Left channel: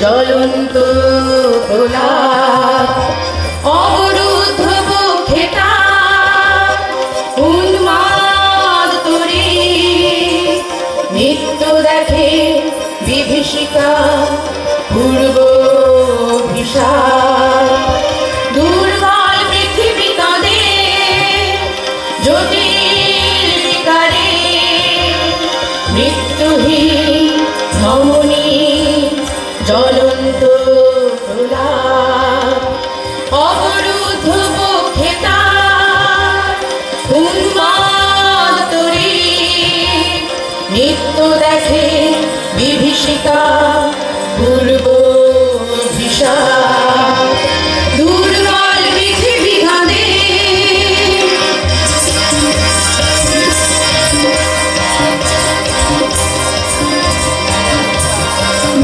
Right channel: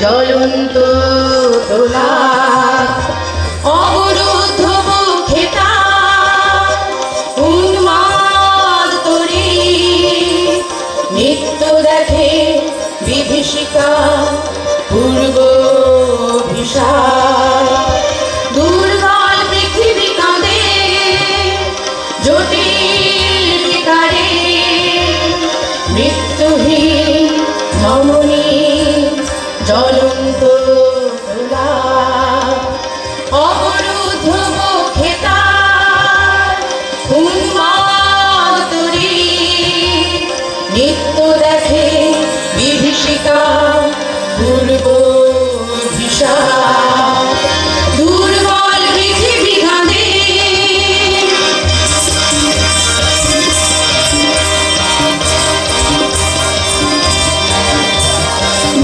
জ্বলন্ত দোলা অবরুদ্ধ মুখে তার উন্মাদ তরি নিত্য দেখে বিভীষিকা পূর্ব ভিসার দুর্বল পৃথিবী কাঁদে জ্যোতির বিকারে মৃত্যুহীন ধমনী জ্বলন্ত দোলা অবরুদ্ধ মুখে তার উন্মাদ তরি নিত্য দেখে বিভীষিকা পূর্ব ভিসার দুর্বল পৃথিবী কাঁদে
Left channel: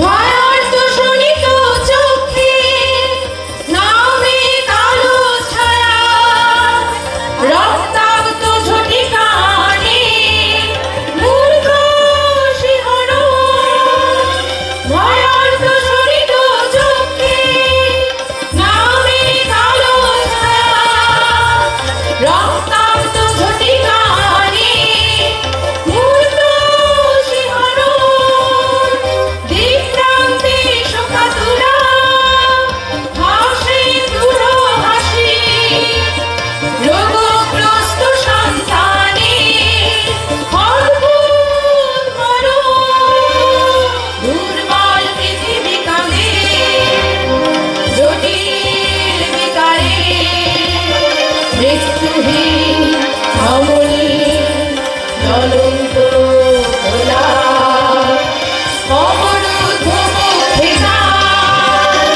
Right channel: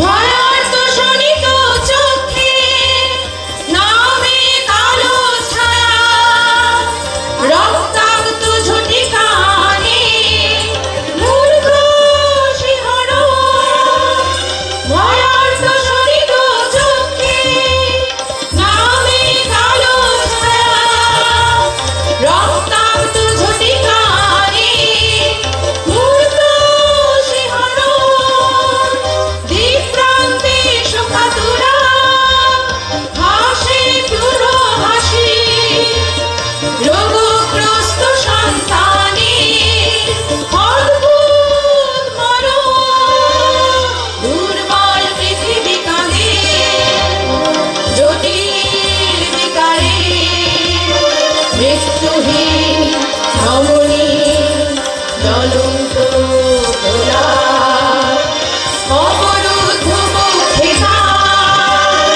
ভয়ার্ত শোণিত চক্ষে নামে কালো ছায়া রক্তাক্ত ঝটিকানে মূর্খ শিহরণ ভয়ার্ত শোণিত চক্ষে নামে কালো ছায়া রক্তাক্ত ঝটিকানে মূর্খ শিহরণ দিকপ্রান্তে শোকাতুরা হাসে দূর হাসি রোগগ্রস্ত সন্তানে অদ্ভুত মরণ দুর্বল পৃথিবী কাঁদে জটিল বিকারে মৃত্যুহীন ধমনী জ্বলন্ত দোলা অবরুদ্ধ মুখে তার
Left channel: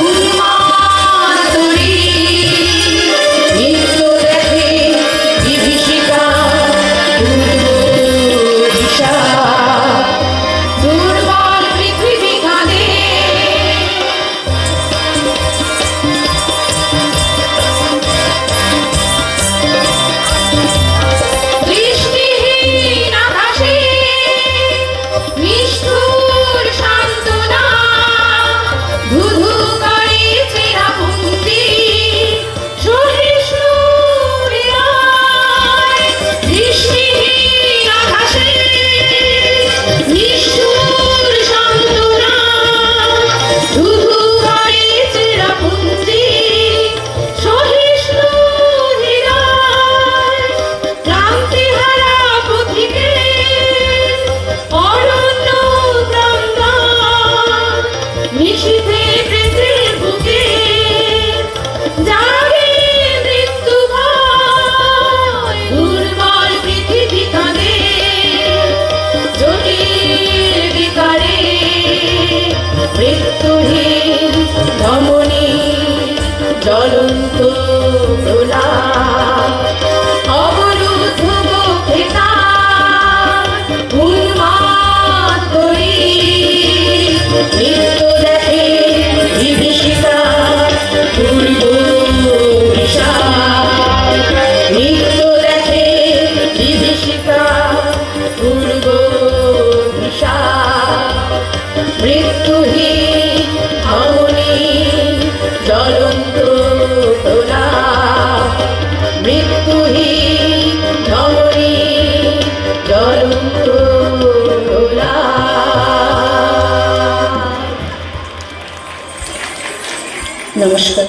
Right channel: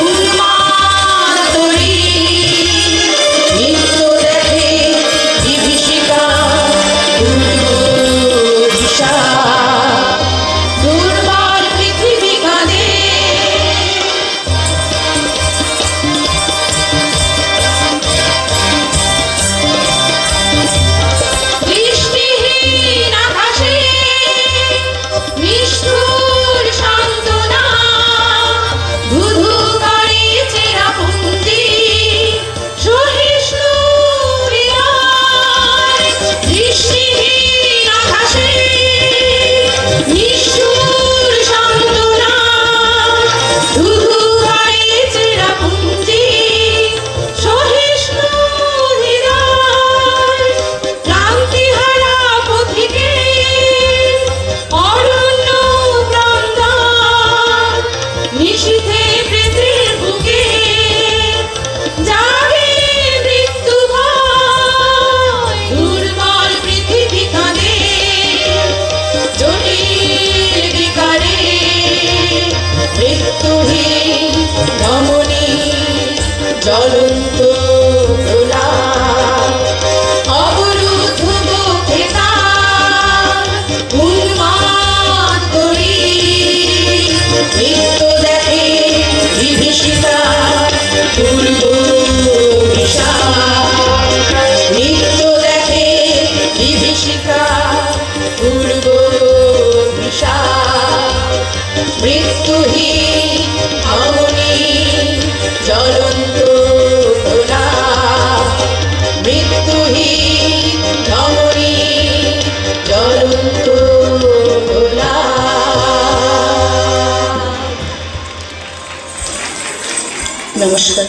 উন্মাদ তরি নিত্য দেখে বিভীষিকা পূর্ব ভিসার দুর্বল পৃথিবী কাঁদে বৃষ্টিহীন আকাশে নিষ্ঠুর সান্ত্বনা ধুধু করে চেরা পুঞ্জি সহিষ্ণু হৃদয় বৃষ্টিহীন আকাশে নিষ্ঠুর সান্ত্বনা ধুধু করে চেরা পুঞ্জি সহিষ্ণু হৃদয় ক্লান্তিহারা পথিকে অরণ্য ক্রন্দন নিশীথে প্রেতের বুকে জাগে মৃত্যু ভয় দুর্বল পৃথিবী কাঁদে জটিল বিকারে মৃত্যুহীন ধমনী জ্বলন্ত দোলা অবরুদ্ধ মুখে তার উন্মাদ তরি নিত্য দেখে বিভীষিকা পূর্ব ভিসার নিত্য দেখে বিভীষিকা পূর্ব ভিসার মৃত্যুহীন ধমনী জ্বলন্ত দোলা মৃত্যুহীন ধমনী জ্বলন্ত দোলা। নমস্কার।